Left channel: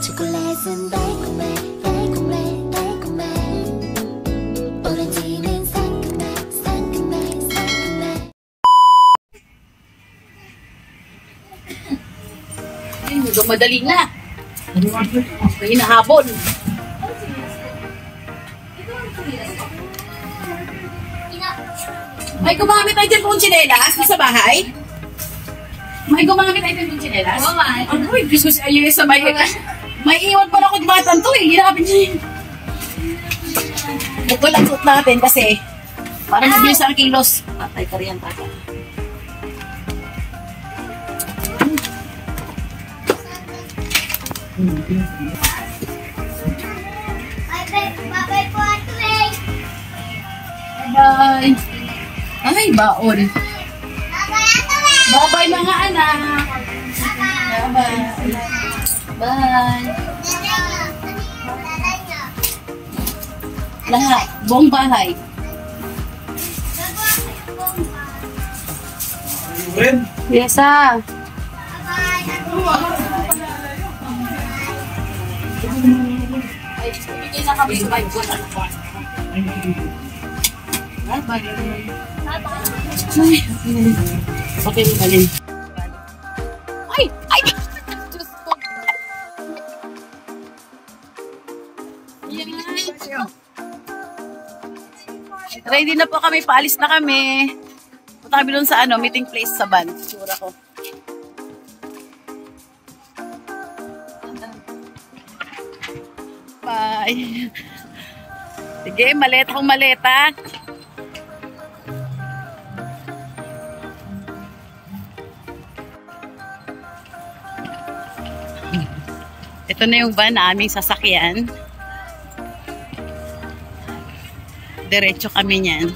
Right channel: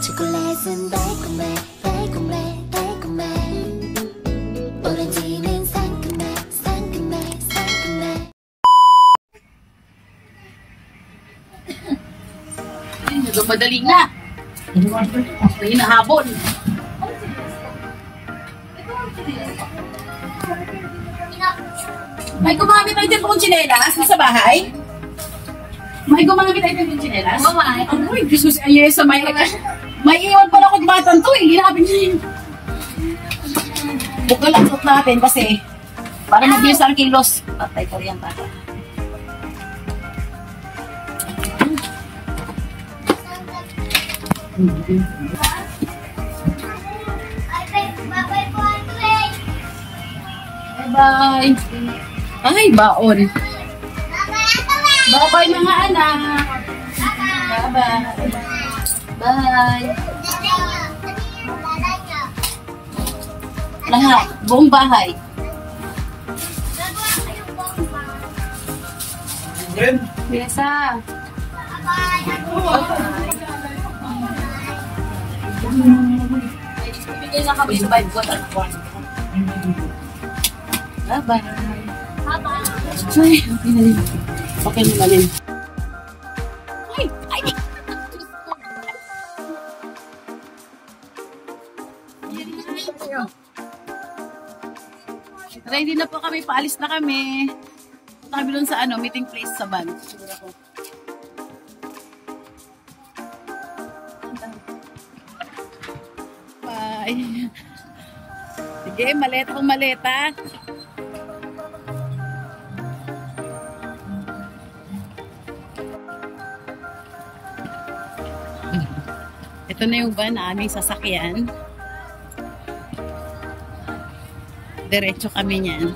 초콜릿은 달콤해 달콤해 달콤해 오렌지는 상큼해 상큼해 상큼해. Medyo madali na. May hinahabol. May gumamit tayo din pong tsinelas sa bahay? May gumamit tayo din pong tsinelas? Oo, may. Uy, Diyos ko ayun sa may... May iwan pala ko dumatan to eh. Ginapin niya. Bukol ang suot natin kasi para mabilis ang kilos. Patay ka riyan, tata. Bye-bye. Ay, baon. Bye-bye mga anak. Bye-bye. Bye. Lahat. Buong bahay. Yes, Ibigay na kami sa 5 ko. Bye-bye. Ay, okay na rin. Okay na rin. Ay! Ay! Ready na po kami. Paalis na kami. Punta kami doon sa meeting place sa van. Sigura ko. Bye. Sige, maleta kong maleta. Ito na yung van na aming sasakyan. Diretso kami niyan.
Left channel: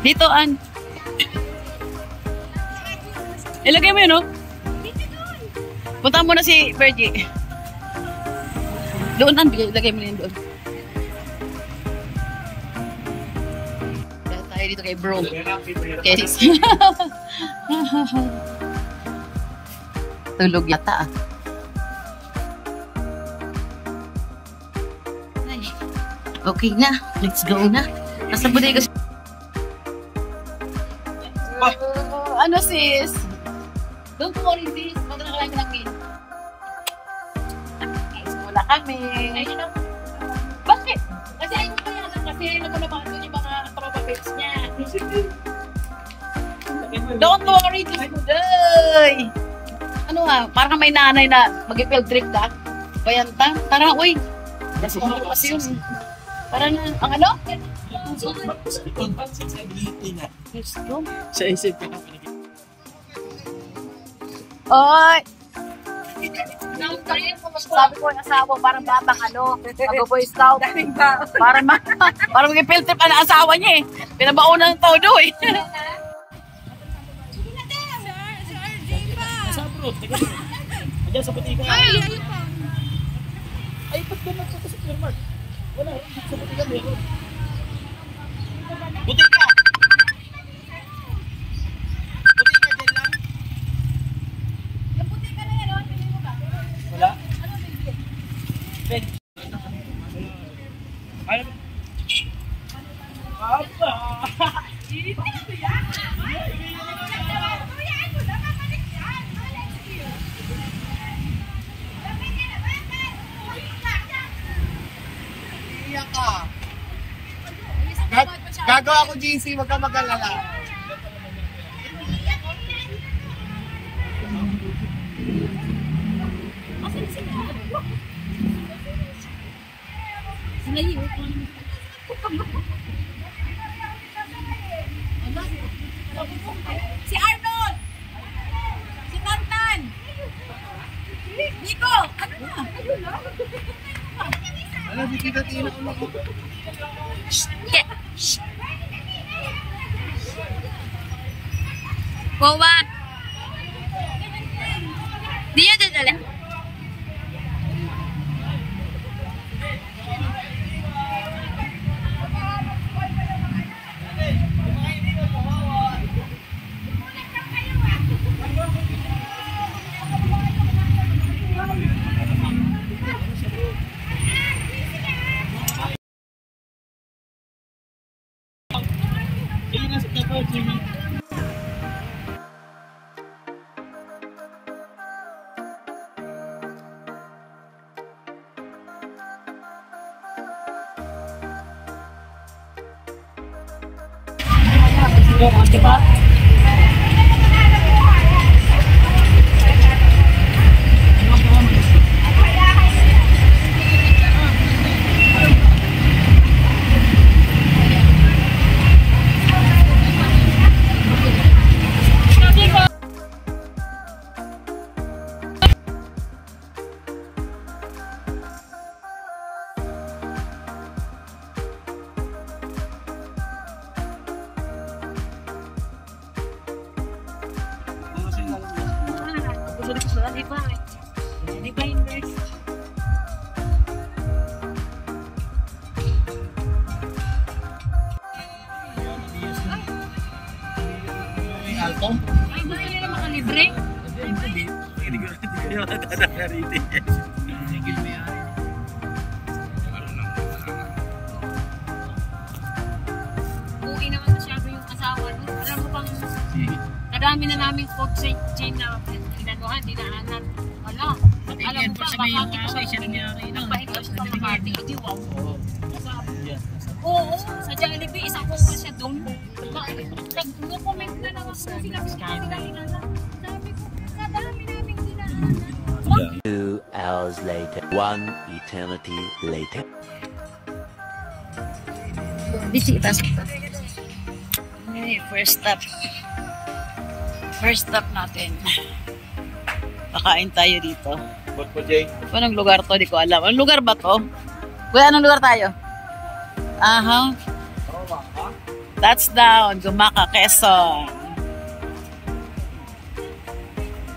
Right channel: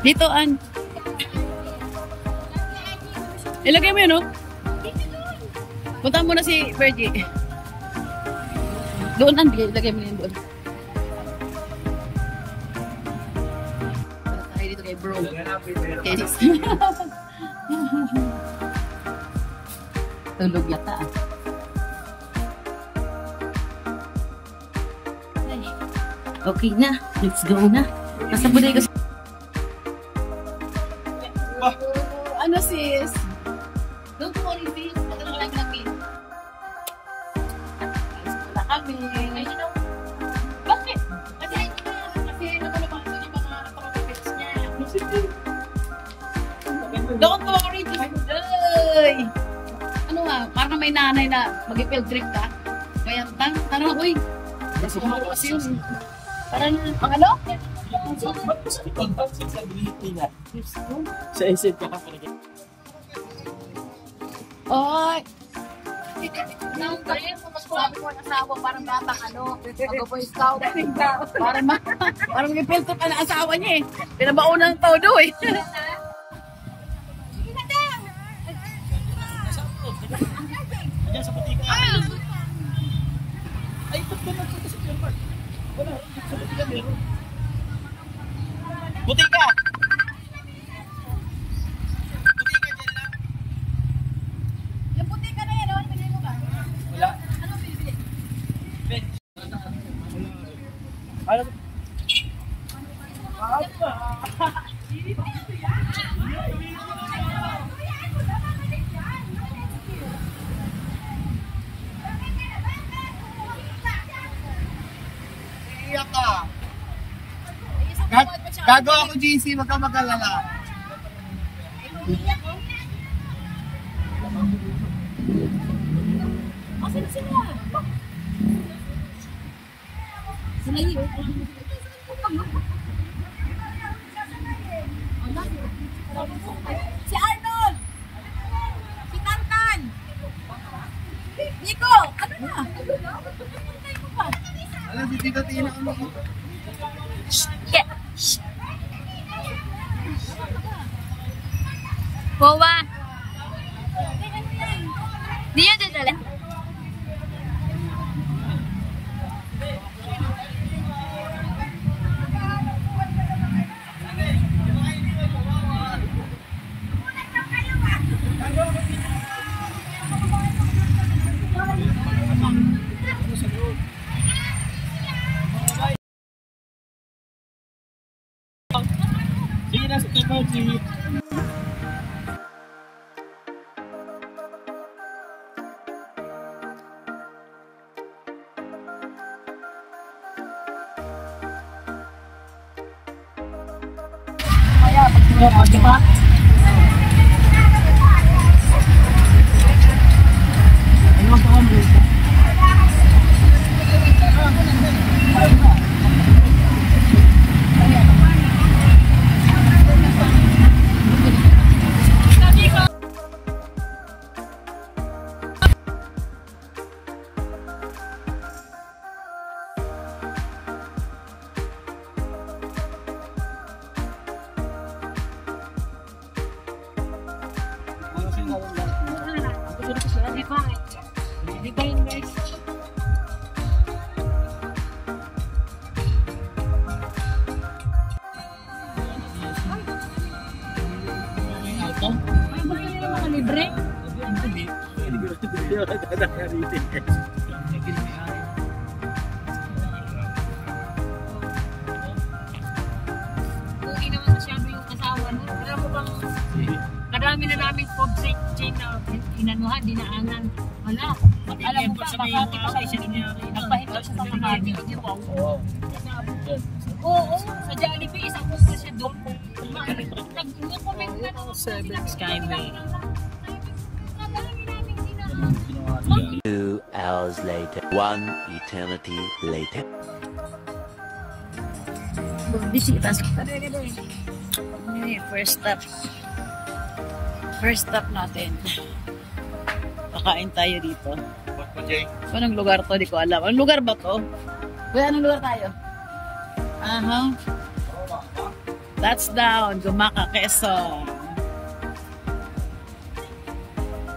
Dito, An. Ilagay mo yun, no? Punta mo na si Bergie. Doon, An. Ilagay mo yun doon. Tayo dito kay bro. Okay. Tulog yata, ah. Okay na, let's go na. Nasa bodega. Ano sis? Doon po rin sis. Magkakaroon lang din. Wala kami. Bakit? Kasi nagulungan ko yung mga acrobatics niya. Doon po ka rin sis. Ano parang may nanay na mag-field trip ka. Bayanta. Parang, uy. Kasi yun. Parang, ang ano? Sa isip ka na pala. Oy! Sabi ko ang asawa, parang batang mag-boy scout. Parang mag-field trip ang asawa niya eh. Pinabaunan ng todo eh. Diyan sa butika. Ay, ito na sa supermarket. Wala, sa butika meron. Butika! Butika dyan lang. Yung butika na yan, pili mo ba? Wala. Ano ang pili? Ben. Ano ba? Apa? Iyak ka. Gagawa ko GC, wag ka mag-alala. Si Arnold! Si Tantan! Nico! Ano na? Ano, si Tita-Tina ko mo. Boba. Dia dadala. Diba? Di ba inverse? Ay, ba yun yung makalibre? Uwi naman masyado yung asawa niya. Alam mo bang kadami na namin food chain na inanuhan, dinaanan. Wala. Alam mo ba, baka nagpahinga siya sa mga video. Oo, sa Jollibee, isang po pa siya doon. Nag-comment na naman sila. Sabi ko, kadami namin dinaanan. 2 hours later, 1 eternity later. Bisita kita. First stop. First stop natin. Kakain tayo dito. Anong lugar to? Di ko alam. Anong lugar ba to? Kuya, anong lugar tayo? Aha. That's down. Gumaka, Quezon.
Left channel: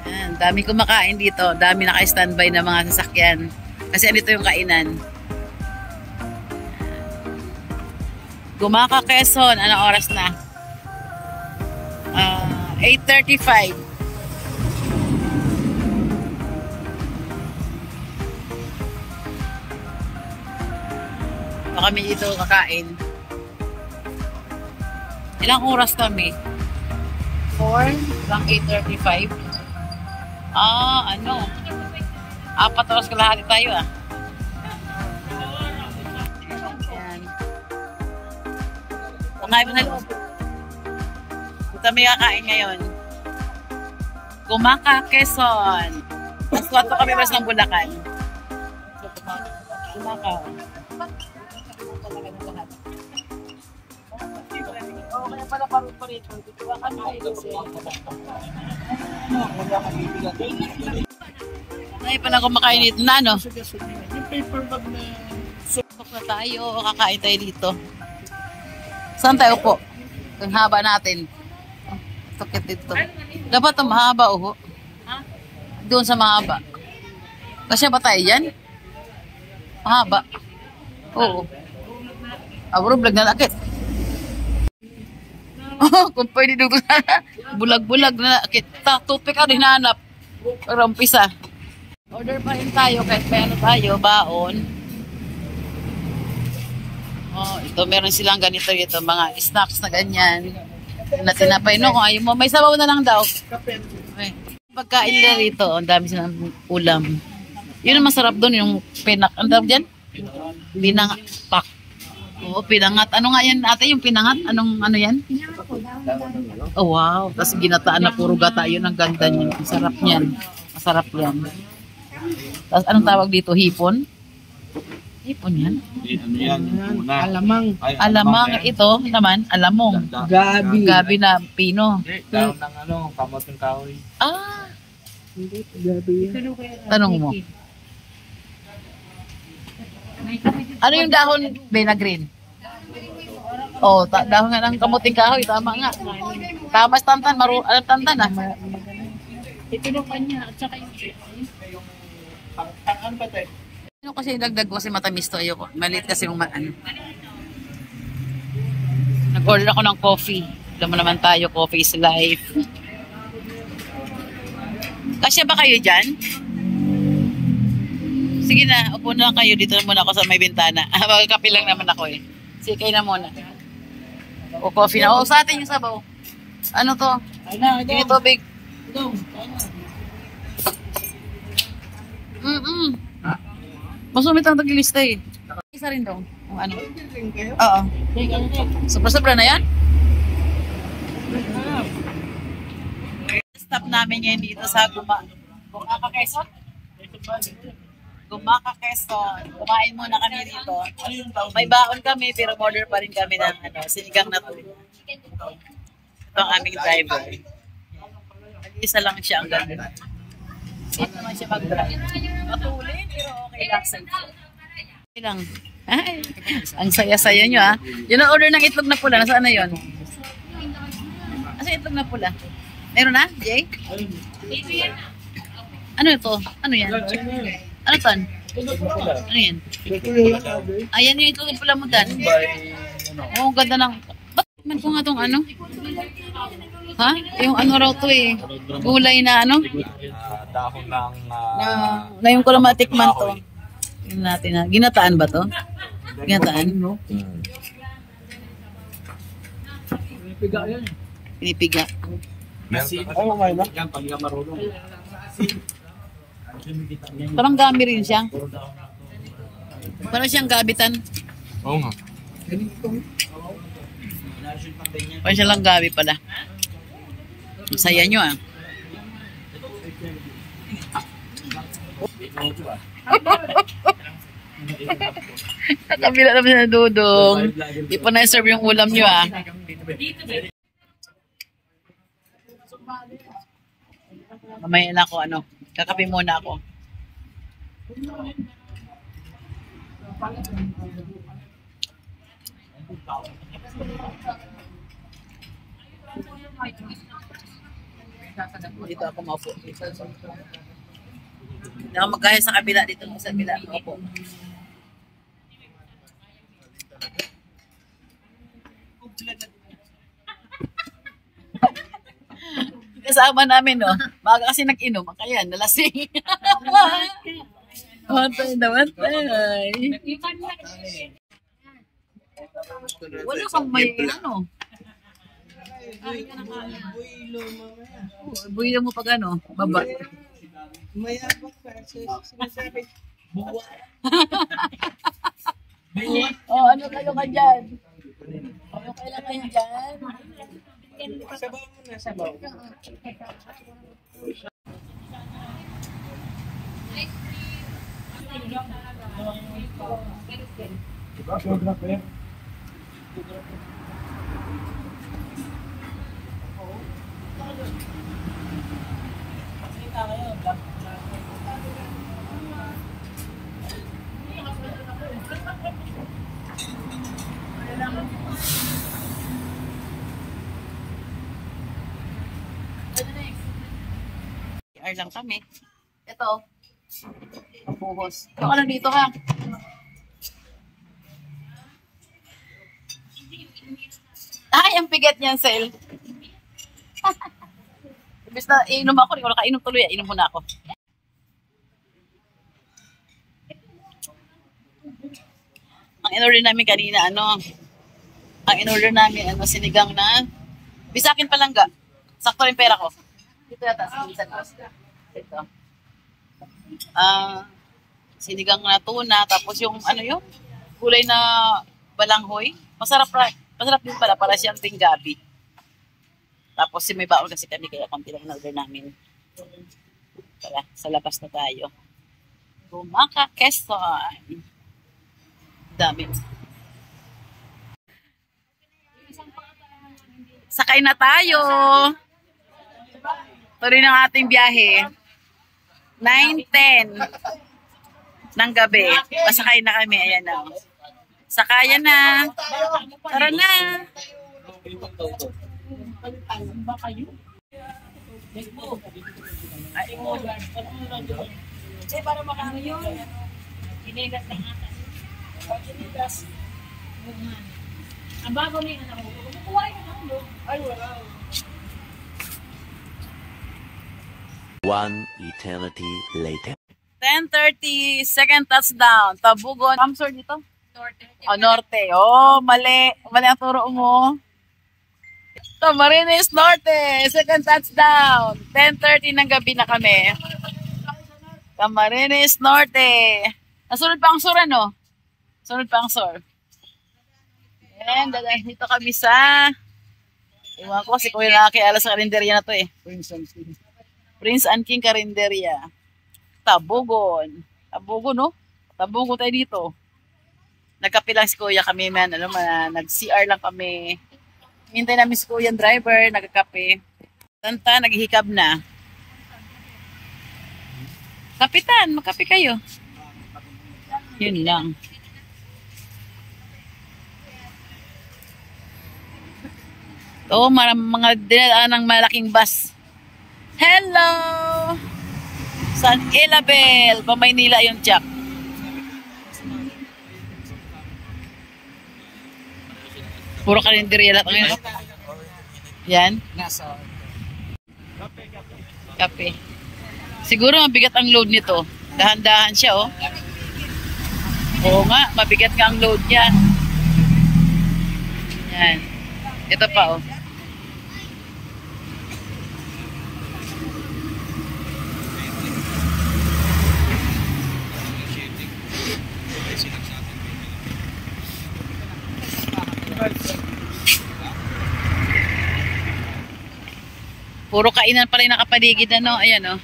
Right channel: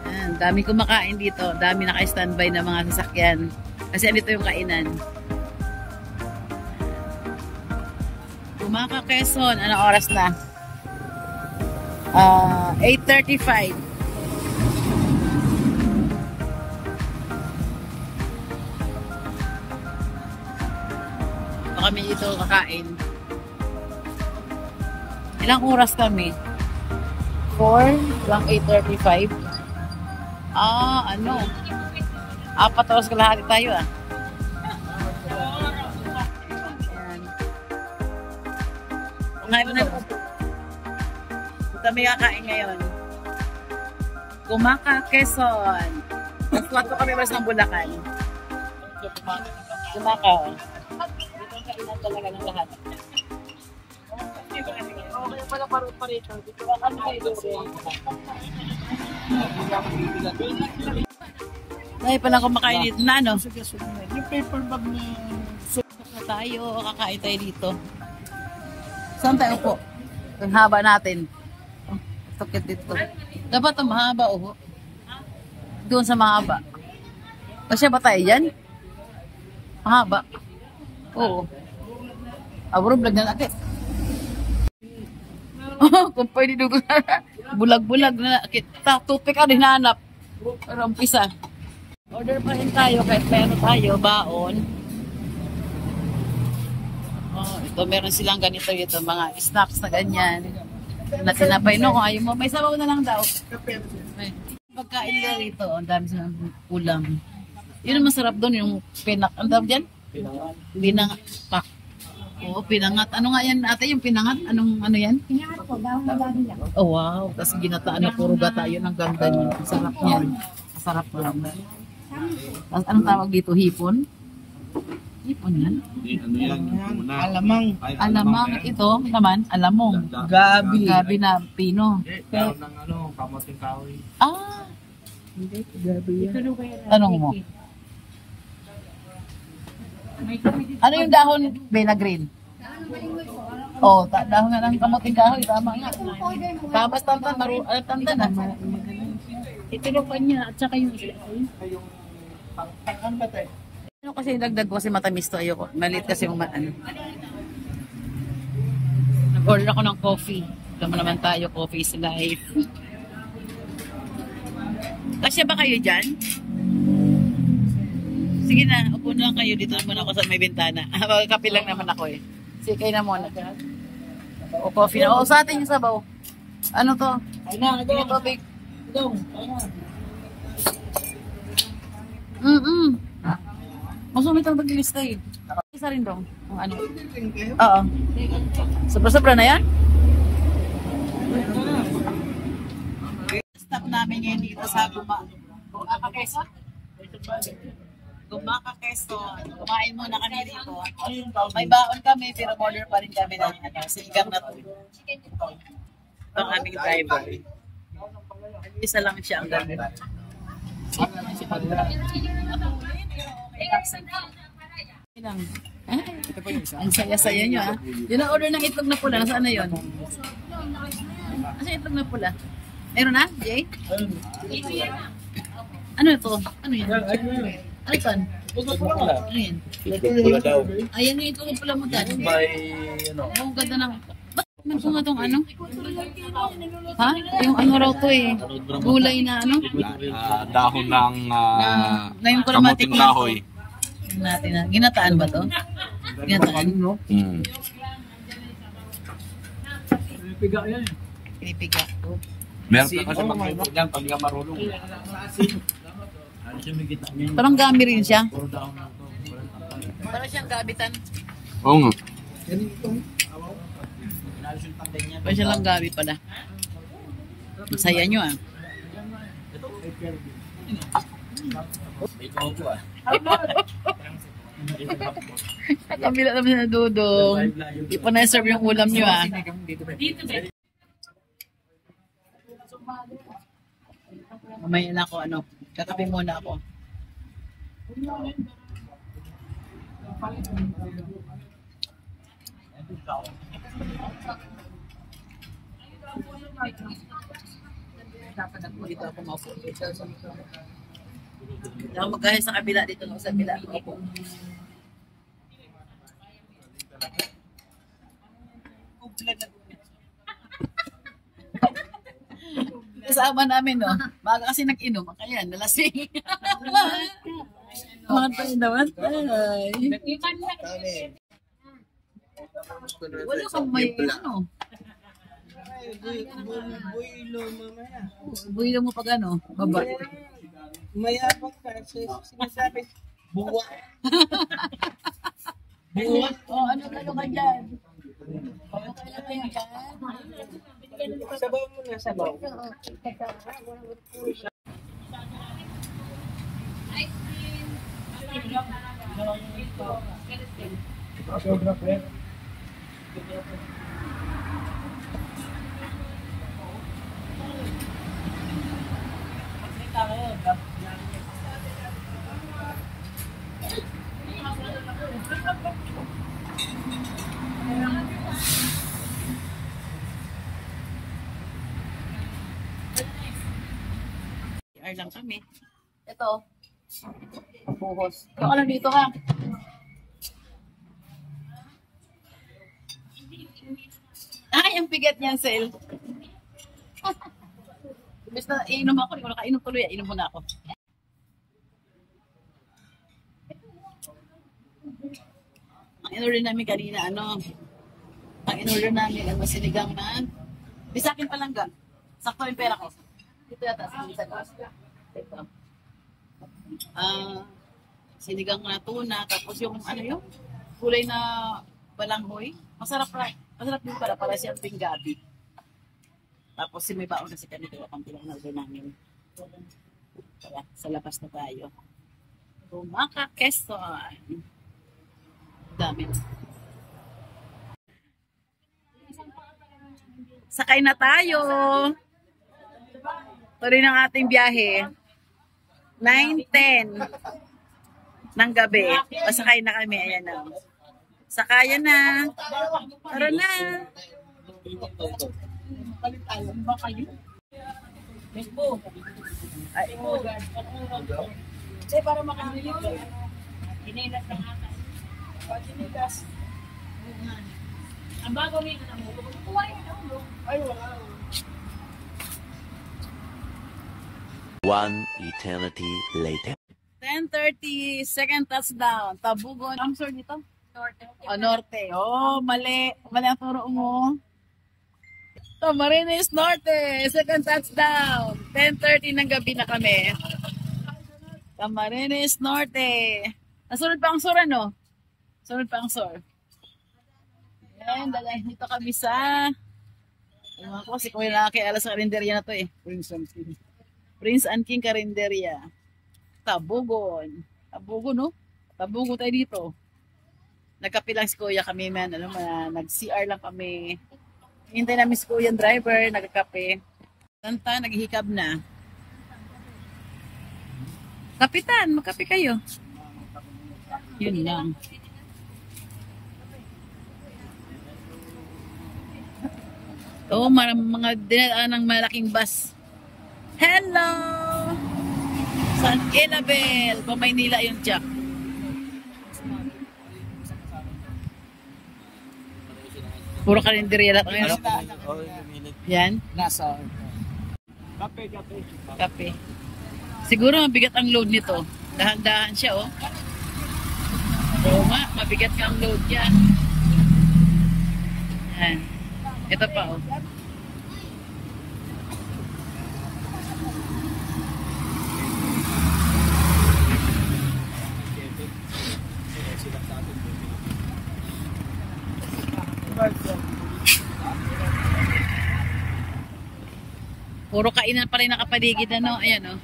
Ayan, dami kumakain dito. Dami naka-standby na mga sasakyan. Kasi andito yung kainan. Gumaka, Quezon. Anong oras na? 8:35. Kami ito kakain. Ilang oras kami? 4 hanggang 8:35. Ano? 4 oras kalahati tayo Ayan. Pangain mo na loob. Ito may kakain ngayon. Gumaka, Quezon. Mas 4 kami mas ng Bulacan. Gumaka. Talaga ng lahat. Kaya pala parito. Dito lang ano kayo kasi. Dahil pala kumakain dito na ano? Yung paper bag na sipok na tayo. Kakain tayo dito. Saan tayo po? Ang haba natin. Tukit dito. Dapat ang mahaba doon sa mahaba. Kasi ba tayo yan? Mahaba. Oo. Abro vlog na nakit. Kung pwede doon bulag-bulag na nakit. Toothpick ako hinahanap. Para umpisa. Order pa rin tayo kahit may ano tayo, baon. Ito meron silang ganito dito, mga snacks na ganyan. Na tinapay no, kung ayaw mo, may sabaw na lang daw. Okay. Pagkain nila rito, ang dami silang ulam. Yun ang masarap doon, yung pinak. Ang tawag dyan? Pinangat. Oo, pinangat. Ano nga yan ate, yung pinangat? Ano yan? Oh wow, tapos ginataan na puro gata. Yun ang ganda niya. Masarap niyan. Masarap yan. Tapos anong tawag dito? Hipon? Hipon yan? Alamang. Alamang. Ito naman, alamong. Gabi. Gabi na pino. Daw ng kamoting kahoy. Hindi, gabi yan. Tanong mo. Ano yung dahon, Bena Green? Dahon nga ng kamuting kahoy. Tama nga. Tama sa tantan. Alam tantan Ito na pa niya. At saka yung Tangan ba tayo? ano kasi dagdag ko kasi matamis to. Ayoko. Maliit kasi yung Nag-order ako ng coffee. Alam mo naman tayo, coffee is life. Kasya ba kayo dyan? Sige na, upo na lang kayo. Dito na muna ako sa may bintana. Magkape lang naman ako Sige, kayo na muna. O coffee na. Sa atin yung sabaw. Ano to? Yung tubig. Masumit ang tagilista eh. Isa rin daw. Ang ano? Oo. Sobra-sobra na yan? Stop namin ngayon dito sa Gumaka Quezon. Gumaka Quezon. Kumain muna kami dito. May baon kami pero order pa rin kami ng sinigang na to. Ito ang aming driver. Isa lang siya ang ganda. Sino naman siya mag-drive. Matulin pero okay lang sa okay lang. Ay, ang saya-saya nyo ah. Yun ang order ng itlog na pula. Nasaan na yun? Nasaan itlog na pula? Meron na, Jay? Ano ito? Ano yan? Ano ito? Ano yan? Ayan yung itlog na pula mo, Dan. Oo, ganda ng... Ba't man ko nga itong ano? Ha? Yung ano raw to eh. Gulay na ano? Dahon ng... Ngayon ko lang matikman to. Natin na. Ginataan ba to? Ginataan? Pinipiga yan. Pinipiga. Meron yan pag marunong. Parang gami rin siya. Parang siyang gabitan. Oo nga. Parang siya lang gabi pala. Masaya nyo ah. Nakabila naman na Dudong. Di pa na-serve yung ulam nyo ah. Mamaya na ako ano. Kakape muna ako. Dito ako maupo. Hindi ako magkahit sa kabila. Dito ako sa kabila. Maupo. Kasama namin, no? Baga kasi nag-inom. Kaya, nalasing. Namatay. Wala kang may, ano? Builo mo pag ano? Baba. Mayabang ka. Sinasabi, buwa. Oh, ano ka dyan? Ano kailangan dyan? Sabaw mo na, sabaw. Sobra pa yan. CR lang kami. Ito. Buhos. Ito ka lang dito ka. Ay, ang bigat niyan, Sel. Ibig na iinom ako. Hindi ko nakainom tuloy. Inom muna ako. Ang in-order namin kanina, ang in-order namin, sinigang na, bisakin palangga. Sakto rin pera ko. Dito yata, ito. Sinigang na tuna, tapos yung, gulay na balanghoy. Masarap din pala, para siyang ding gabi. Tapos may baon kasi kami, kaya konti lang in-order namin. Tara, sa labas na tayo. Gumaka Quezon. Dami. Sakay na tayo. Tuloy ng ating biyahe. 9:10 ng gabi. Pasakay na kami. Ayan na. Sakayan na. Tara na. Ay, para makano yun. Inigas ng atas. Inigas. Ang bago na yun. Ay, wala. One eternity later. 10:30, second touchdown. Tabugon. Kamsor dito? Norte. Oh, Norte. Oh, mali. Mali ang turo mo. Camarines Norte, second touchdown. 10:30 ng gabi na kami. Camarines Norte. Nasunod pa ang sur, ano? Sunod pa ang sur. And dito kami sa... Iwan ko, si Kuya nakiala sa karinderya na to eh. Prince and King Karinderya. Tabugon. Tabugon, no? Tabugon tayo dito. Nagkape lang si Kuya kami, man. Ano man, nag-CR lang kami. Hintay namin si Kuya driver, nagkakape. Tanta, naghihikab na. Kapitan, magkape kayo. Yun lang. Oo, mga dinadaan ng malaking bus. Hello! San Ilabel, pa Maynila yung jack. Puro karinderya lahat ngayon, no? Yan. Kape. Siguro mabigat ang load nito. Dahan-dahan siya, oh. Oo nga, mabigat nga ang load niya. Yan. Ito pa, oh. Puro kainan pa rin nakapaligid, ano? Ayan, oh.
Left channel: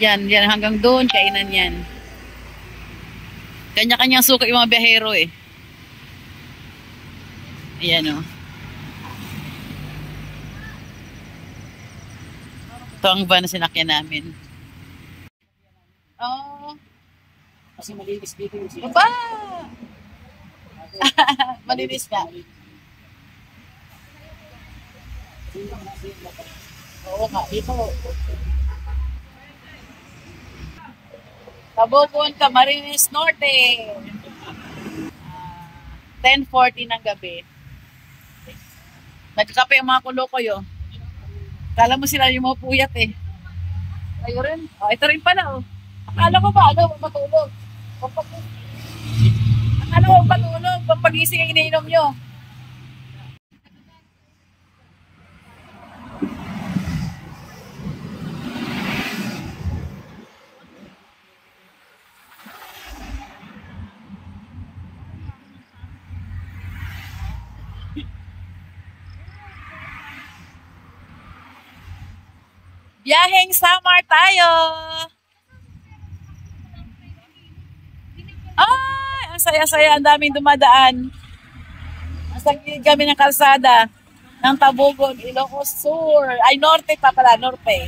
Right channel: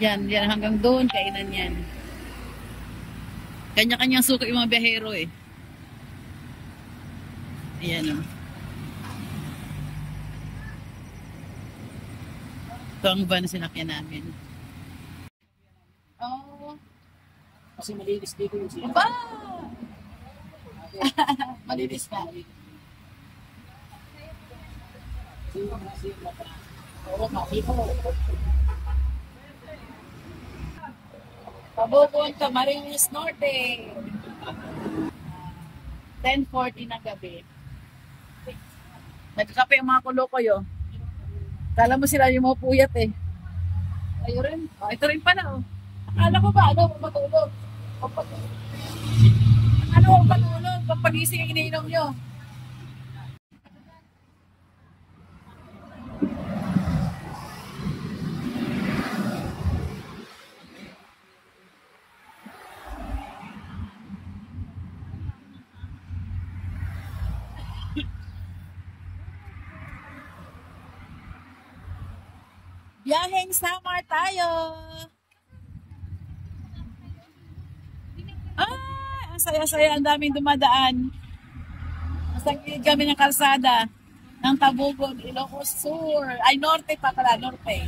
Yan hanggang doon, kainan yan. Kanya-kanyang suka yung mga biyahero, eh. Ayan, oh. Ito ang van na sinakyan namin. Oh. Kasi malinis dito yung siya. Ba! Malinis na. Oo nga, ito. Tabugon, Camarines Norte. 10:40 ng gabi. Nagkakape ang mga kulo-ko yun. Kala mo sila yung mga puyat eh. Ayo rin. Oh, ito rin pala oh. Akala ko ba, ano, matulog. Akala ko matulog. Pampagising ang iniinom nyo. Biyaheng Samar tayo. Ay, ang saya-saya, ang daming dumadaan. Nasa gilid kami ng kalsada ng Tabugon, Ilocos Sur. Ay, Norte pa pala, Norte.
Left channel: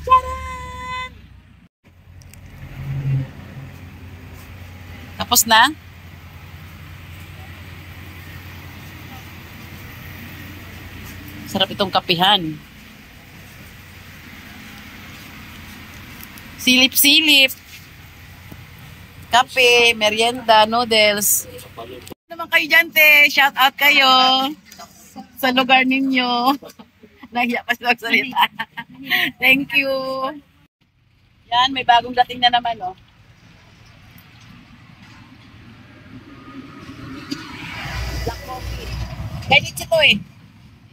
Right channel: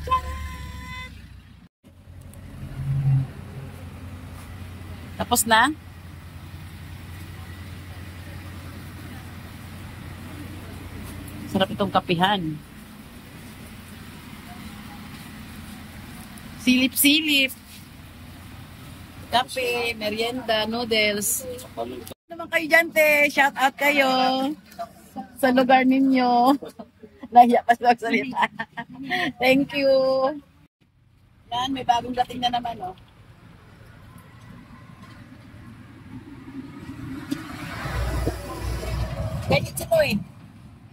Tcharan! Tapos na? Sarap itong kapihan. Silip-silip. Kape, merienda, noodles. Ano naman kayo dyan, te? Shout out kayo sa lugar ninyo. Nahiya pa sila magsalita. Thank you. Yan, may bagong dating na naman, oh. Black coffee. Edit ito eh.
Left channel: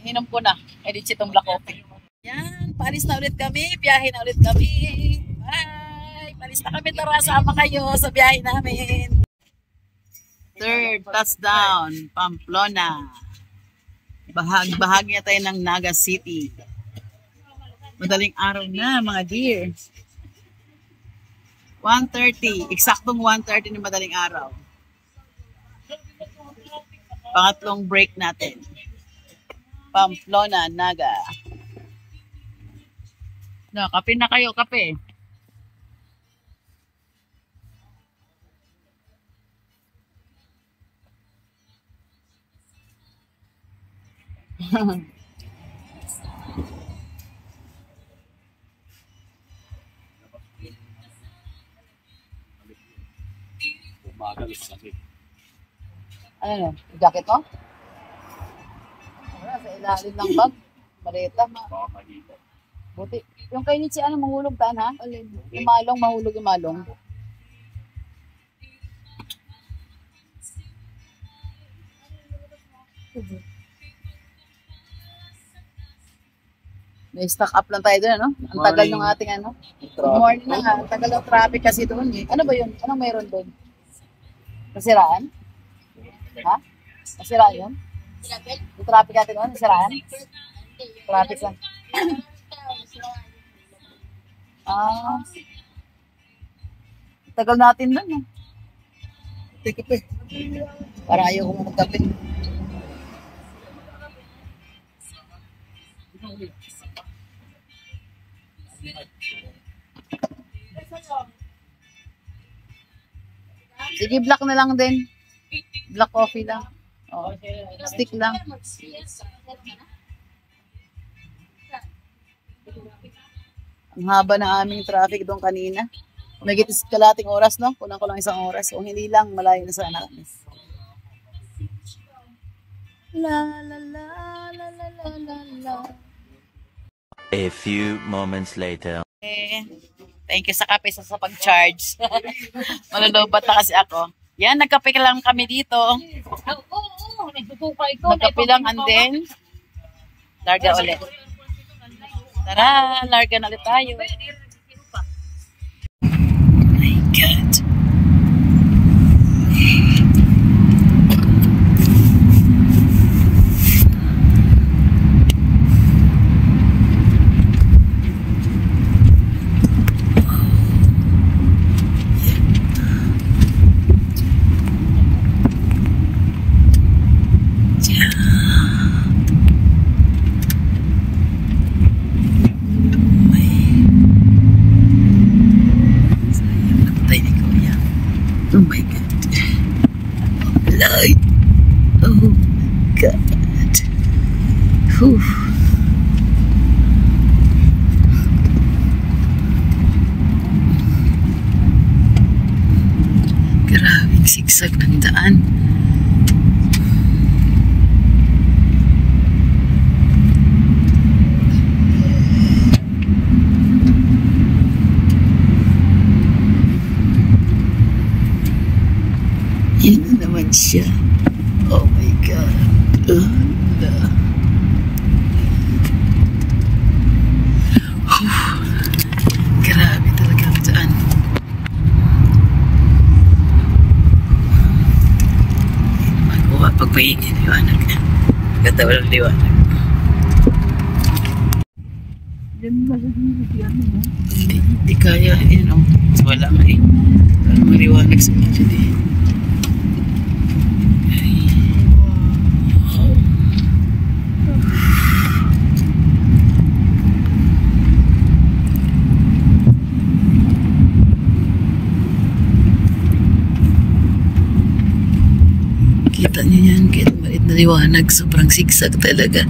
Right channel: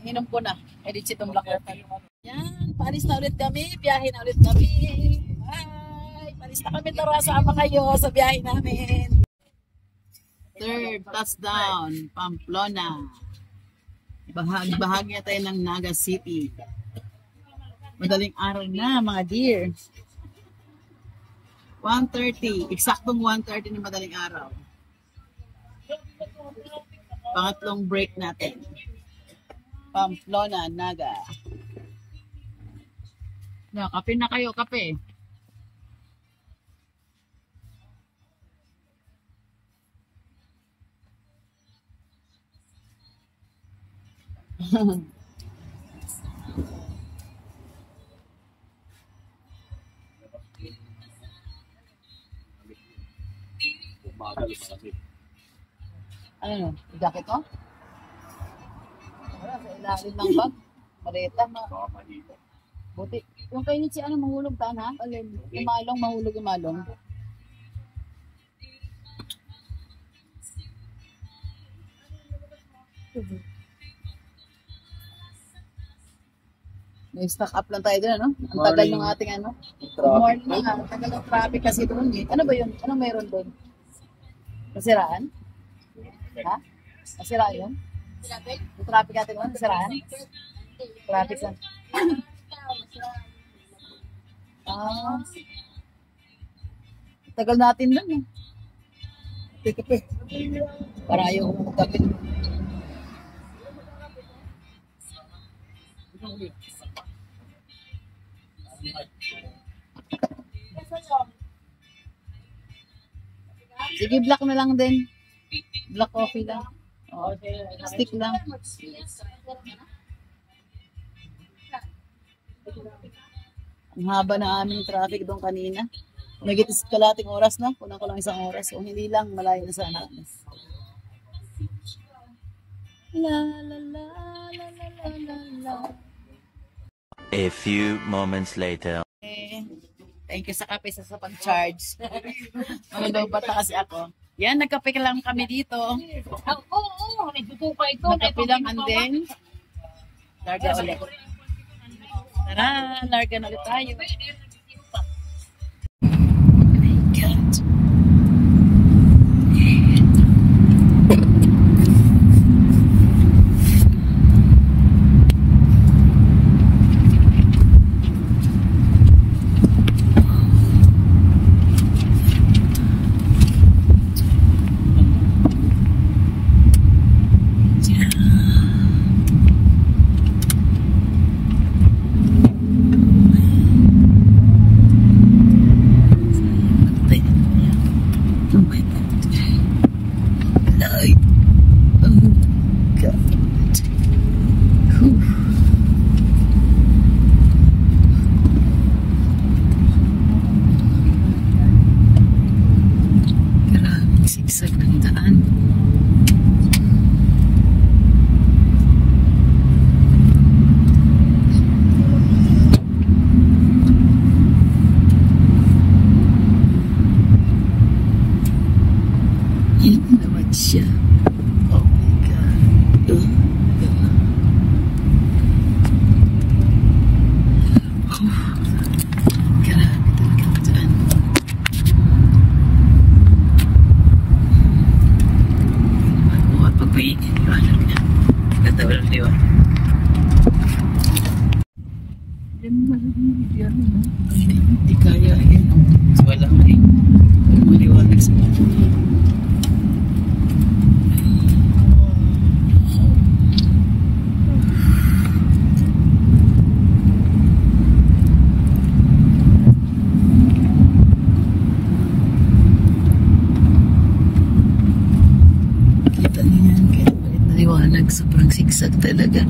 Inom ko na. Edit itong black coffee. Yan, paalis na ulit kami. Biyahe na ulit kami. Bye! Palis na kami, tara, sama kayo sa biyahe namin. Third touchdown, Pamplona. Bahagi na tayo ng Naga City. Madaling araw na, mga dear. 1:30, eksaktong 1:30 ng madaling araw. Pangatlong break natin. Pamplona, Naga. No, kape na kayo, kape. Ano, jacket mo? Wala, sa ilalim ng bag. Malita mo. Buti. Yung kay Nietzsche, ano, mahulog taan ha? Umalong, mahulog umalong. May stock up lang tayo doon, ano? Ang tagal ng ating ano. Good morning na nga. Ang tagal ng traffic kasi doon eh. Ano ba yun? Anong meron doon? Nasiraan? Ha? Nasiraan yun? Yung traffic natin doon? Nasiraan? Traffic lang. Ah. Tagal natin doon, no? Take kape. Para ayaw ko magkape. Sige, black na lang din. Black coffee lang. Oh, stick lang. Ang haba na aming traffic doon kanina. Nagitis kalating oras, no? Kulang ko lang isang oras. Kung hindi lang, malayo na sana kami. La la la la la la la la. A few moments later. Thank you sa kape sa pag-charge. Malulobat na kasi ako. Yan, nagkape lang kami dito. Oo, nagpupuka ikaw. Nagkape lang and then, larga ulit. Tara, larga na ulit tayo. My God. Oh my God. Light. Oh God. Whew. Grabing sigsag ng daan. Yun na naman siya. Oh my God. Grabe talaga ang daan. Hindi na magawa pag may liwanag. Ganda walang liwanag. Hindi kaya yun. Wala nga eh. Walang maliwanag sa mga dyan eh. Kita niyo yan, kahit maliit na liwanag, sobrang sigsag talaga.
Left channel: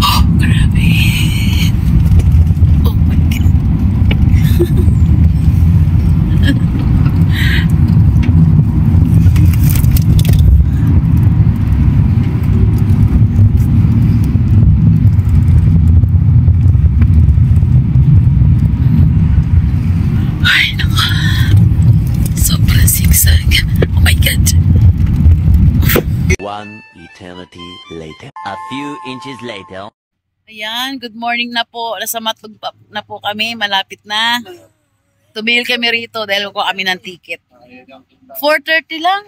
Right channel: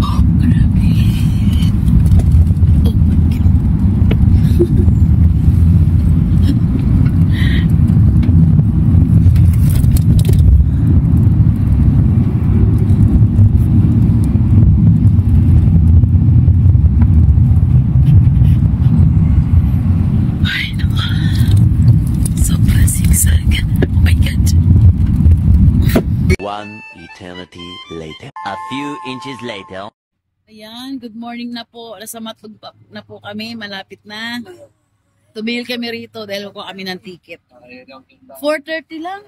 Oh, grabe. Oh my God. Ay, naku. Sobrang sigsag. Oh my God. One eternity later. A few inches later. Ayan, good morning na po. Nasa Matug na po kami, malapit na. Tumigil kami rito dahil ko kami ng ticket. 4:30 lang.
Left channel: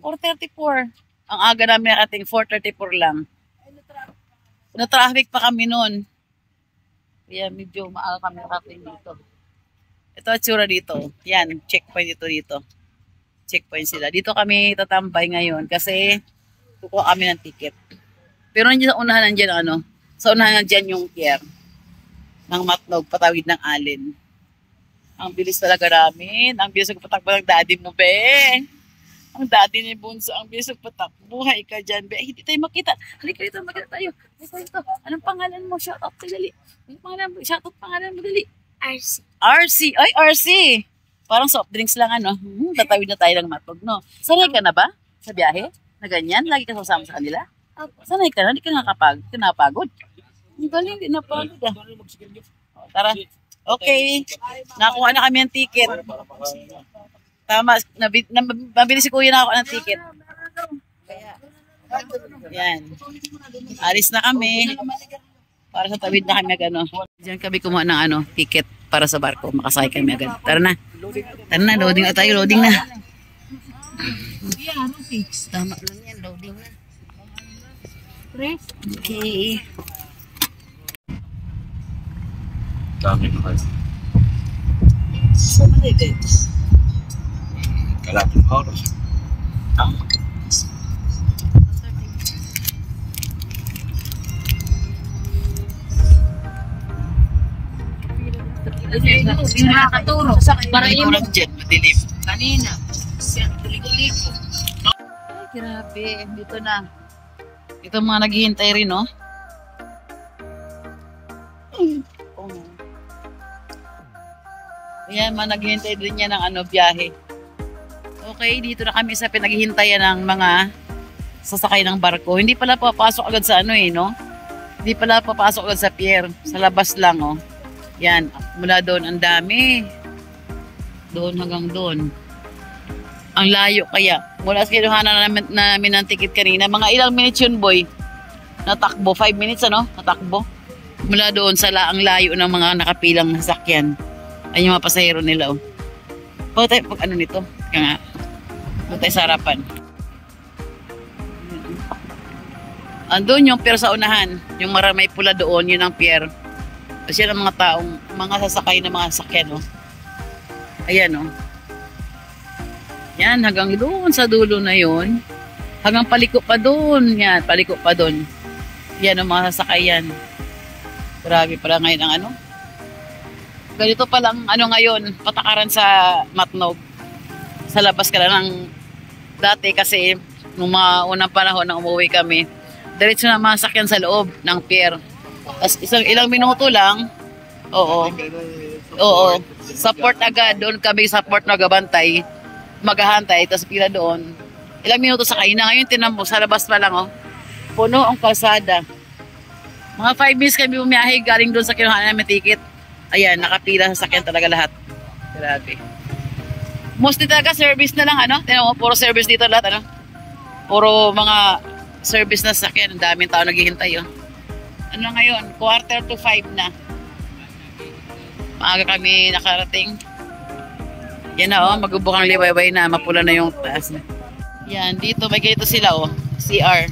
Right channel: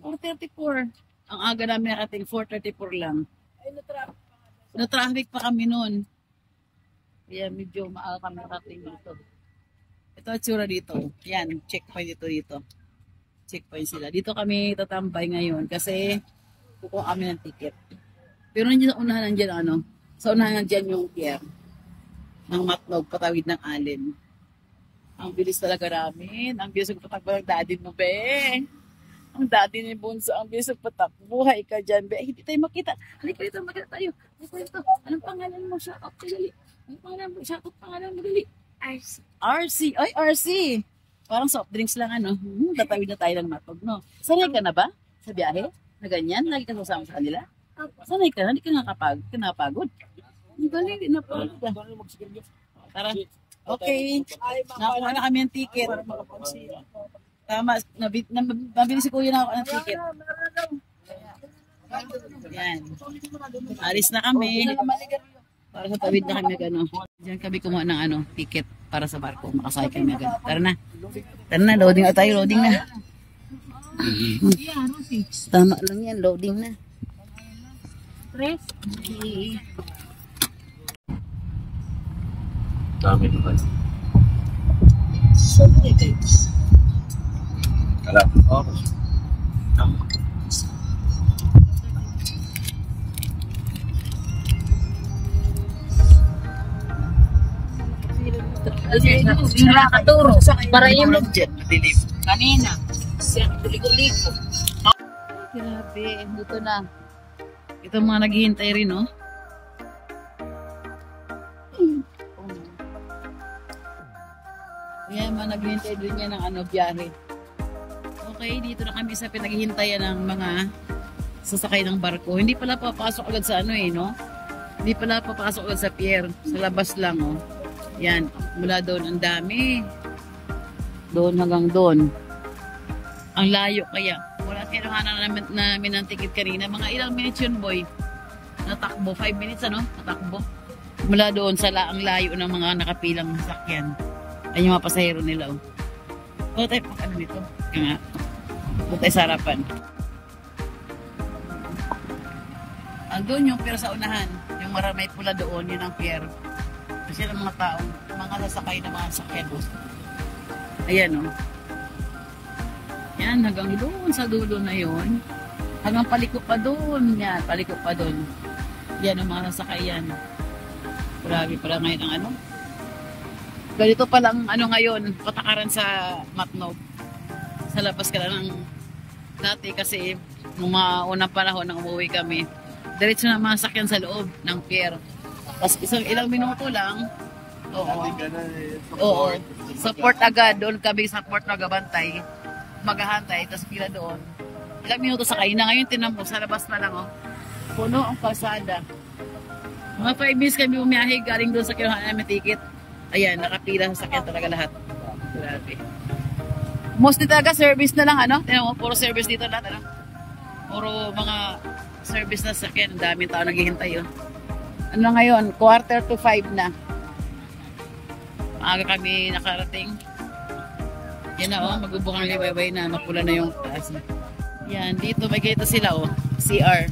4:34. Ang aga namin nakating 4:34 lang. Na-traffic pa kami noon. Kaya medyo maaga kami nakating dito. Ito at tsura dito. Yan, checkpoint dito. Checkpoint sila. Dito kami tatambay ngayon kasi kukuha kami ng ticket. Pero nandiyan sa unahan nandiyan ano, sa unahan nandiyan yung pier ng Matnog, patawid ng Alin. Ang bilis talaga namin. Ang bilis magpatakbo ng daddy mo, be. Ang daddy ni Bunso, ang bilis magpatakbo. Buhay ka dyan, be. Hindi tayo makita. Halika dito, magkita tayo. Halika dito. Anong pangalan mo? Shout out, dali. Anong pangalan mo? Shout out pangalan mo, dali. RC. RC. Ay, RC. Parang soft drinks lang, ano. Tatawid na tayo ng Matnog, no? Sanay ka na ba sa biyahe? Na ganyan? Lagi ka sasama sa kanila? Opo. Sanay ka na? Hindi ka nakapagod? Ang galing, di na pagod ah. Tara. Okay. Nakuha na kami ng ticket. Tama. Nabili si kuya na ako ng ticket. Yan. Alis na kami. Para sa tawid na kami agad. Diyan kami kumuha ng ticket para sa barko. Makasakay kami agad. Tara na. Tara na. Loading na tayo. Loading na. Tama lang yan. Loading na. Okay. Dami na kayo. Kalating oras. Nakaturo. Para yung Jet, madilim. kanina. Siya, tuliko-liko. Ay, grabe. Dito na. Ito mga naghihintay rin, no? Ayan, mga naghihintay din niya ng biyahe. Okay, dito na kami sa pinaghihintayan ng mga sasakay ng barko. Hindi pala papasok agad sa no? Hindi pala papasok agad sa pier. Sa labas lang, oh. Yan, mula doon, ang dami. Doon hanggang doon. Ang layo kaya. Mula sa kinuhanan namin ng ticket kanina. Mga ilang minutes yun, boy? Natakbo. 5 minutes, Natakbo. Mula doon sa ang layo ng mga nakapilang sasakyan. Ay yung mga pasahero nila, oh. Pag nito? Kaya nga. Doon tayo sa harapan. Andun yung pier sa unahan. Yung may pula doon, yun ang pier. Kasi yan ang mga taong, mga sasakay na mga sasakyan, oh. Ayan, oh. Yan, hanggang doon sa dulo na yun. Hanggang paliko pa doon. Yan, paliko pa doon. Yan ang mga sasakyan. Grabe pala ngayon ang ganito palang ngayon, patakaran sa Matnog. Sa labas ka lang ng dati kasi nung mga unang panahon na umuwi kami, diretso na mga sakyan sa loob ng pier. Tapos ilang minuto lang, support agad, doon kami support nagabantay, maghahantay, tapos pila doon. Ilang minuto sa kaina, ngayon tinan mo, sa labas pa lang, oh. Puno ang kalsada. Mga 5 minutes kami bumiyahe galing doon sa kinuhaan namin ticket. Ayan, nakapila sa sakyan talaga lahat. Grabe. Mostly talaga service na lang, Tingnan mo, puro service dito lahat, Puro mga service na sakyan. Ang daming tao naghihintay, oh. Ngayon, 4:45 na. Maaga kami nakarating. Yan na, magbubukang liwayway na. Mapula na yung taas. Yan, dito may ganito sila, CR.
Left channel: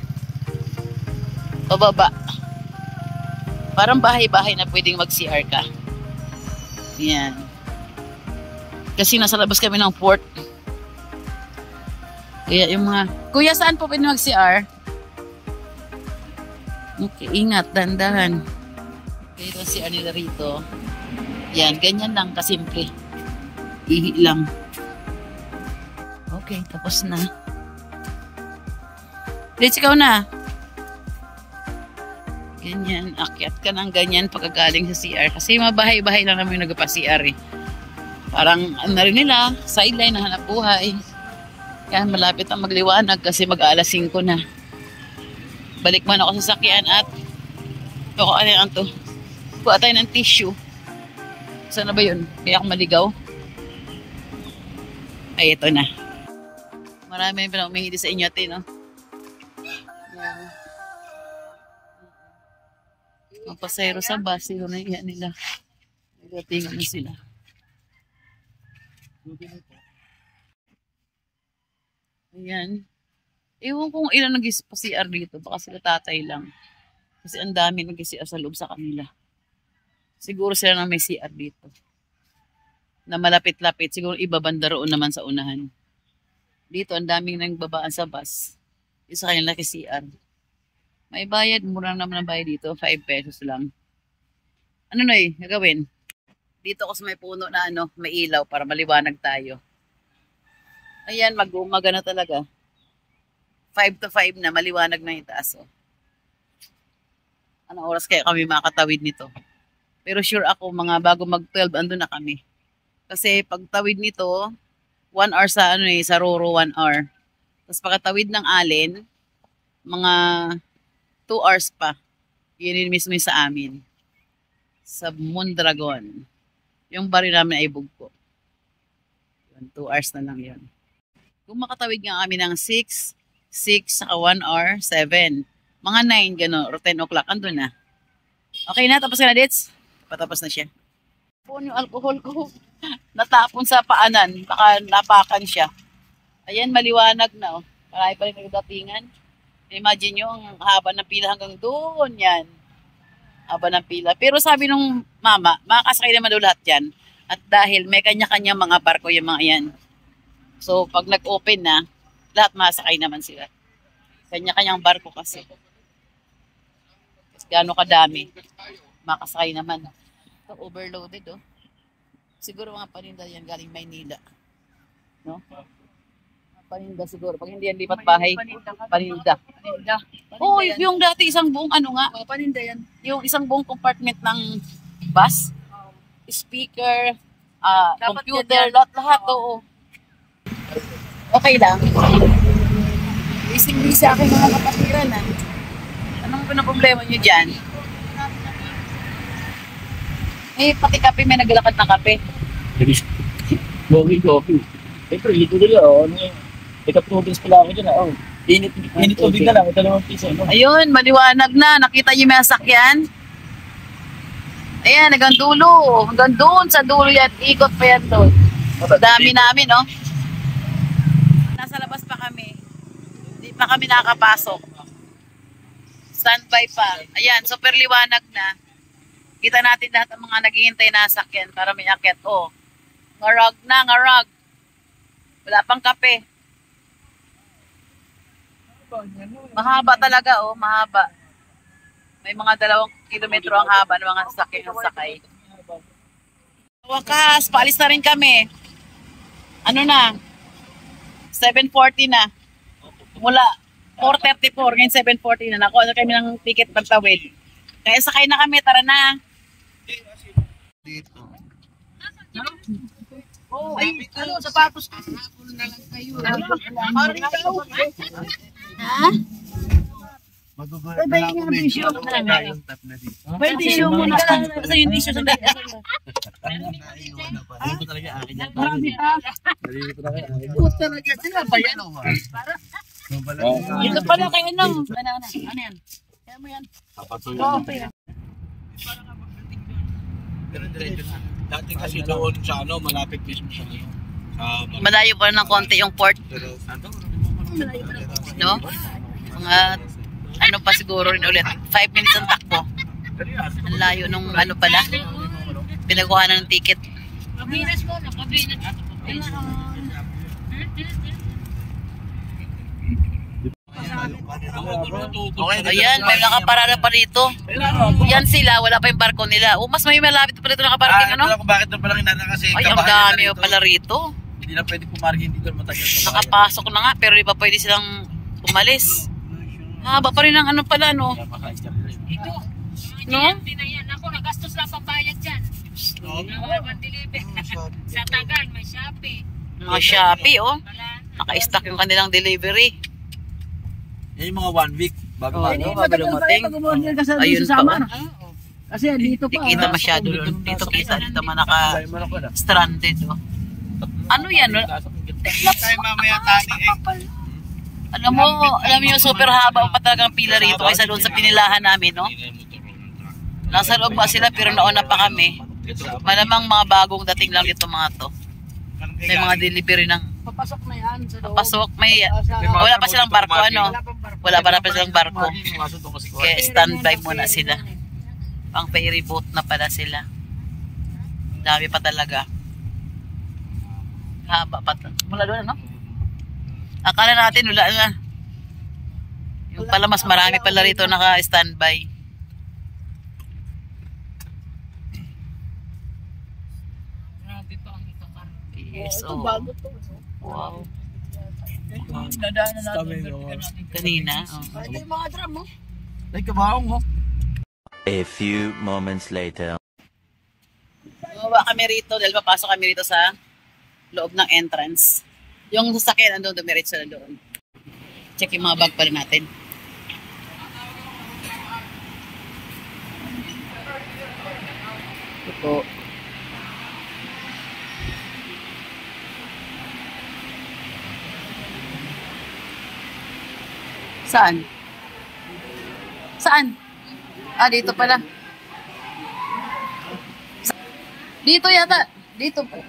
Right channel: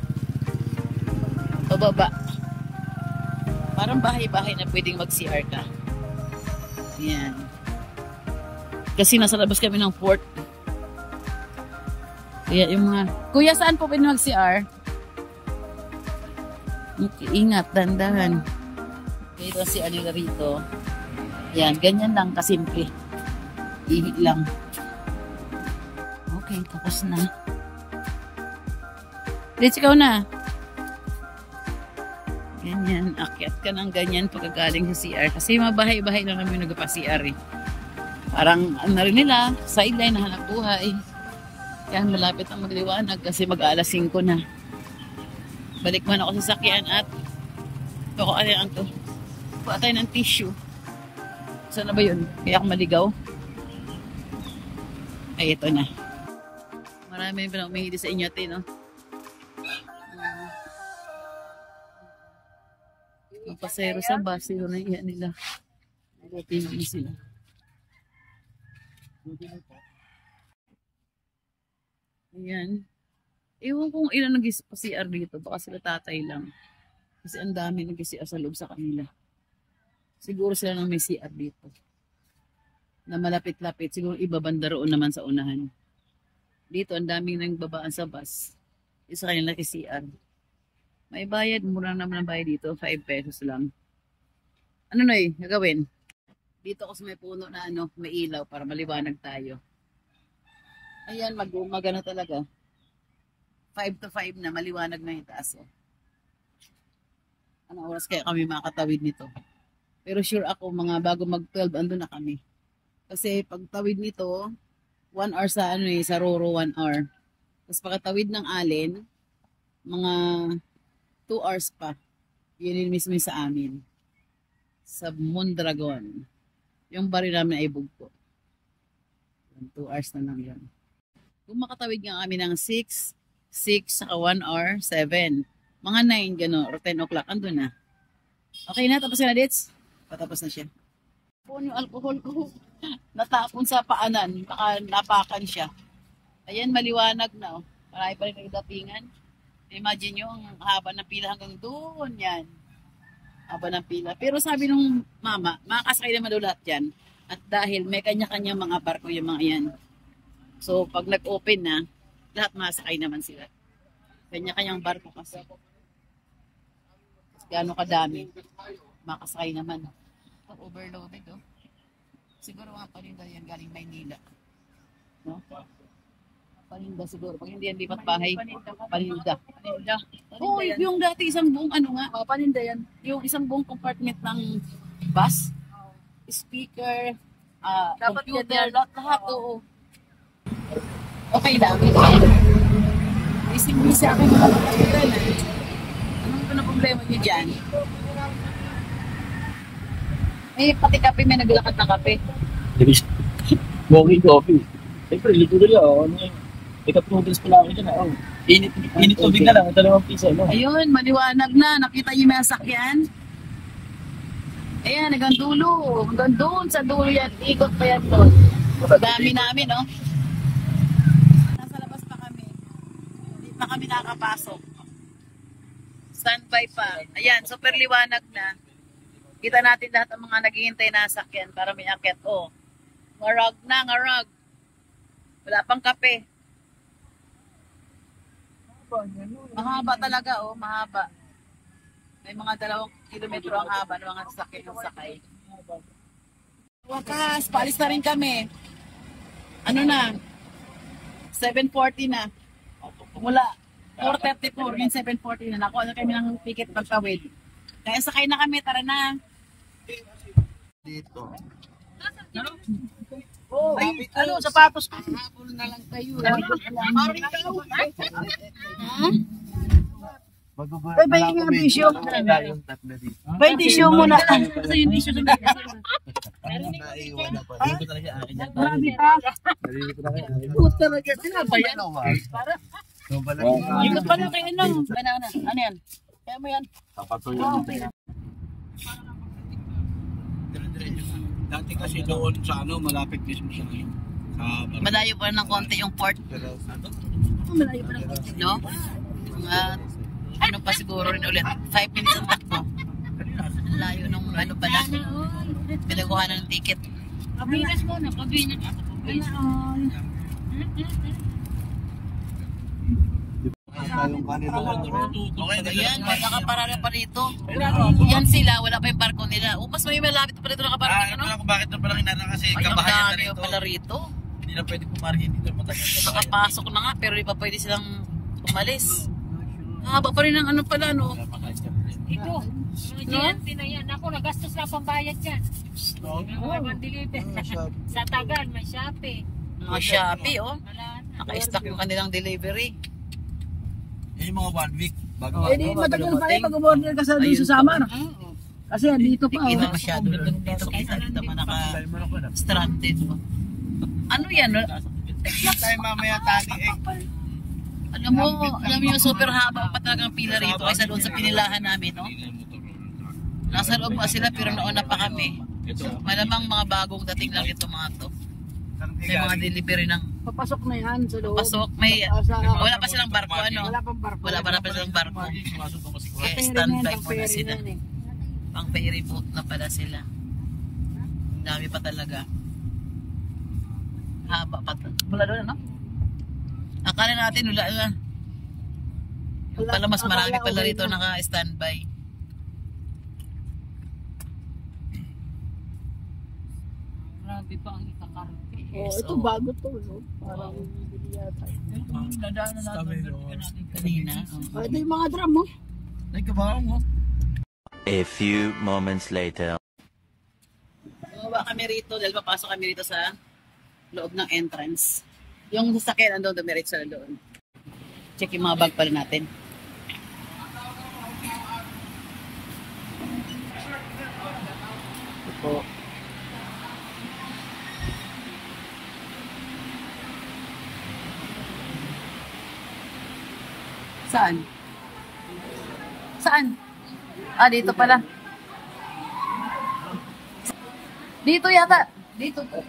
Pababa. Parang bahay-bahay na pwedeng mag-CR ka. Yan. Kasi nasa labas kami ng port. Kaya yung mga... Kuya, saan po pwede mag-CR? Okay, ingat, dandahan. Okay, ito si Anila rito. Yan, ganyan lang, kasimple. Ihi lang. Okay, tapos na. Let's go na. Ganyan, akyat ka ng ganyan pagkagaling sa CR. Kasi mabahay-bahay lang namin nagpa-CR, eh. Parang rin nila, sideline na hanap buhay. Kaya malapit ang magliwanag kasi mag-alas 5 na. Balik man ako sa sakyan at kuha tayo ng tissue. Saan na ba yun? Kaya ako maligaw. Ay, ito na. Marami pa na umihili sa inyo, no? Ang pasayro sa bus, siguro na iyan nila. Nagatingan na sila. Ayan. Ewan kung ilan nag-CR dito. Baka sila tatay lang. Kasi ang dami nag-CR sa loob sa kanila. Siguro sila na may CR dito. Na malapit-lapit. Siguro iba banda roon naman sa unahan. Dito, ang daming nagbabaan sa bus. Isa kanila CR. May bayad. Mura naman ang bayad dito. 5 pesos lang. Ano na gagawin? Dito ako sa may puno na may ilaw para maliwanag tayo. Ayan, mag-umaga na talaga. 5 to 5 na, maliwanag na yung taas. Anong oras kaya kami makatawid nito? Pero sure ako, mga bago mag-12, andun na kami. Kasi pag tawid nito, 1 hour sa sa Roro, 1 hour. Tapos pagkatawid ng Allen, mga 2 hours pa. Yun mismo yung sa amin. Sa Mondragon. Yung baril namin ay bugpo. 2 hours na lang yun. Kung makatawid nga kami ng 6, saka 1 hour, 7. Mga 9, gano'n, or 10 o'clock, andun na. Okay na, tapos ka na, Dits? Patapos na siya. Yung alcohol ko, natapon sa paanan, baka napakan siya. Ayan, maliwanag na, oh. Marami pa rin nagdatingan. Imagine nyo, ang haba ng pila hanggang doon, yan. Haba ng pila. Pero sabi nung mama, makakasakay naman daw lahat yan. At dahil may kanya-kanya mga barko yung mga yan. So, pag nag-open na, lahat masakay naman sila. Kanya-kanyang barko kasi. Gaano kadami. Makasakay naman. Ito, overloaded, oh. Siguro mga paninda yan galing Maynila. No? Paninda siguro. Pag hindi yan lipat bahay, paninda. Oo, yung dati isang buong ano nga. Paninda yan. Yung isang buong compartment ng bus, speaker, computer, lahat, oo. Okay lang. Ising-ising sa akin mga kapatid. Anong problema nyo dyan? Eh, pati kape, may naglalakad na kape. Walking coffee. Siyempre, lito nila. Ano yung ikaptubis pala ako dyan. Init tubig na lang. Ito naman piso. Ayun, maliwanag na. Nakita niyo may sasakyan? Ayan, hanggang dulo. Hanggang doon sa dulo yan. Ikot pa yan doon. Dami namin, no? Nasa labas pa kami. Hindi pa kami nakakapasok. Standby pa. Ayan, super liwanag na. Kita natin lahat ang mga naghihintay na sasakyan para may akit. Oh, ngarag na, ngarag. Wala pang kape. Mahaba talaga, oh, mahaba. May mga 2 kilometro ang haba ng mga sasakyan ng sakay. Wakas, paalis na rin kami. Ano na? 7:40 na. Mula 4:34, ngayon 7:40 na. Nakuha na kami ng ticket pagtawid. Kaya sakay na kami, tara na. Dito. Oh, ay, ano, sapatos ko. Na lang kayo. Ha? Ay, bayan nga bisyo. Bayan bisyo muna. Kasi yung bisyo sa dati. Marami pa. Puta na ka. Sila bayan o ba? Ito pala kayo ano. Ano yan? Kaya mo yan. Sapato yun. Dati kasi doon sa ano, malapit mismo sa ngayon. Malayo pa ng konti yung port. No? Mga ano pa siguro rin ulit. 5 minutes ang takbo. Ang layo nung ano pala. Pinakuha na ng ticket. Kabinas mo na, kabinas. Ayan, may nakaparada pa rito. Yan sila, wala pa yung barko nila. O, mas may malapit pa rito nakaparking, ano? Bakit doon palang inana kasi Ay, ang dami pala rito. hindi na pwede pumarking dito matagal. Nakapasok na nga, pero di pa pwede silang umalis. Haba pa rin ang ano pala, no? Ito. No? Pinayan ako, nagastos lang pang bayad dyan. Sa Tagal, may Shopee. Mga Shopee, oh. Naka-stock yung kanilang delivery. Yan yung mga 1 week bago Dumating. Ayun pa, oh. Kasi dito pa. Hindi kita masyado doon. Dito kita, dito man naka-stranded, oh. Ano yan, no? Tayo mamaya tali Alam mo yung super haba pa talagang pila rito kaysa doon sa pinilahan namin, no? Nasa loob pa sila pero nauna pa kami. Malamang mga bagong dating lang dito mga to. May mga delivery ng Papasok na yan. papasok. Wala pa silang barko, ano? Wala pa silang barko. Kaya standby muna sila. Pang ferry boat na pala sila. Dami pa talaga. Haba pa. Mula doon, ano? Akala natin wala na. Yung pala mas marami pala rito naka-standby. Grabe pa ang ikakarante. Yes, Ito bago to. wow. Dadaanan natin. Kanina. Oh. Ito yung mga drum mo. Ay, kabaong mo. A few moments later. Bumaba kami rito dahil papasok kami rito sa loob ng entrance. Yung sasakyan andun, dumiretso na doon. Check yung mga bag pa rin natin. Ito po. Saan? Saan? Ah, dito pala. Dito yata. Dito po.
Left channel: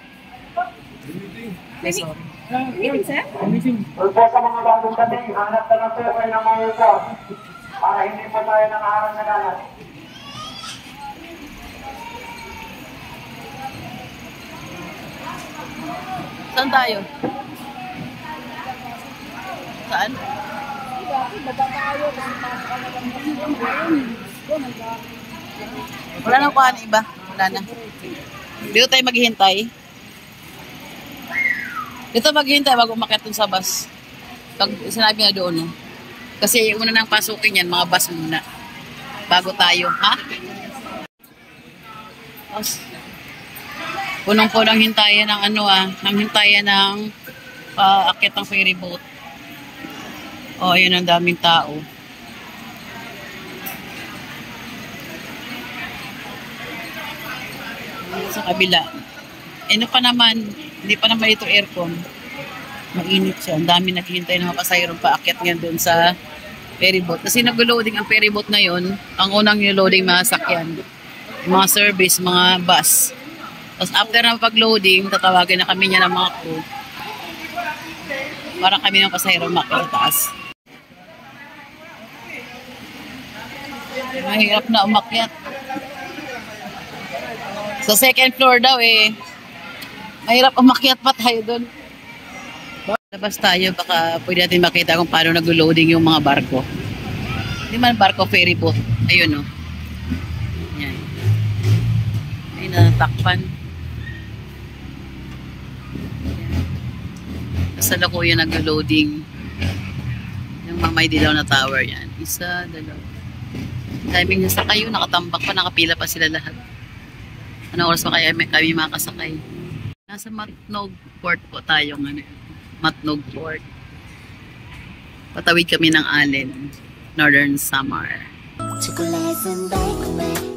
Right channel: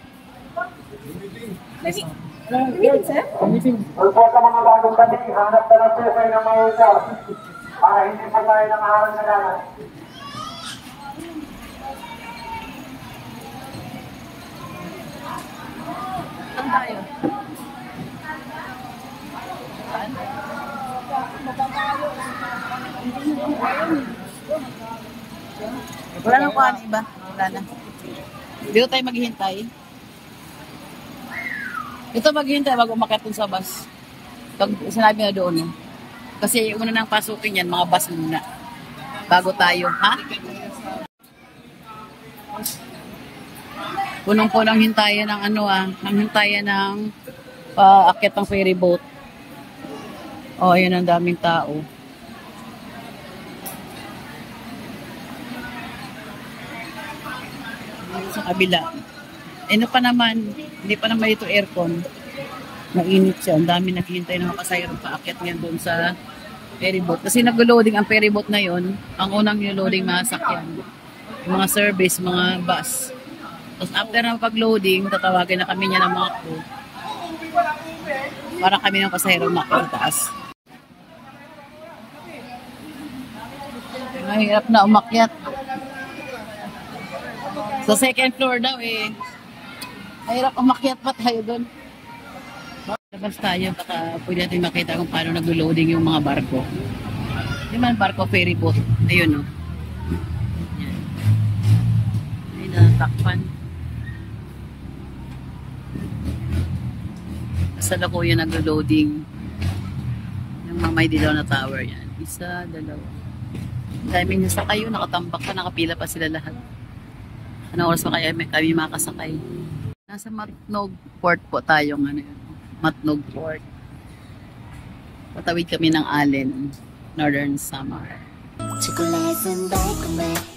Saan tayo? Saan? Wala nang kuha na iba. Wala na. Dito tayo maghihintay. Dito maghihintay bago umakyat dun sa bus. Pag sinabi na doon, no? Kasi una nang pasukin yan, mga bus muna. Bago tayo, ha? Punong-punong hintayan ng ano ng hintayan ng paakyat ng ferry boat. Oh, ayun ang daming tao. Sa kabila. Ano pa naman, hindi pa naman ito aircon. Mainit siya. Ang dami naghihintay ng mga pasahero paakyat ngayon doon sa ferry boat. Kasi nag-loading ang ferry boat na yon. Ang unang niloading mga sakyan. Mga service, mga bus. Tapos after na pag-loading, tatawagin na kami niya ng mga crew. Para kami ng pasahero umakyat sa taas. Mahirap na umakyat. Sa second floor daw mahirap umakyat pa tayo doon. Labas tayo, baka pwede natin makita kung paano nag-loading yung mga barko. Hindi man barko, ferry boat. Ayun, no. Yan. Ay, natatakpan. Kasalukuyan nag-loading. Yung Mamay Dilaw na tower yan. Isa, dalawa. Daming nasakay yun, nakatambak pa, nakapila pa sila lahat. Ano oras pa kaya kami makasakay? Nasa Matnog Port po tayo ngayon. Matnog Port. Patawid kami ng Allen, Northern Samar. 초콜릿은 달콤해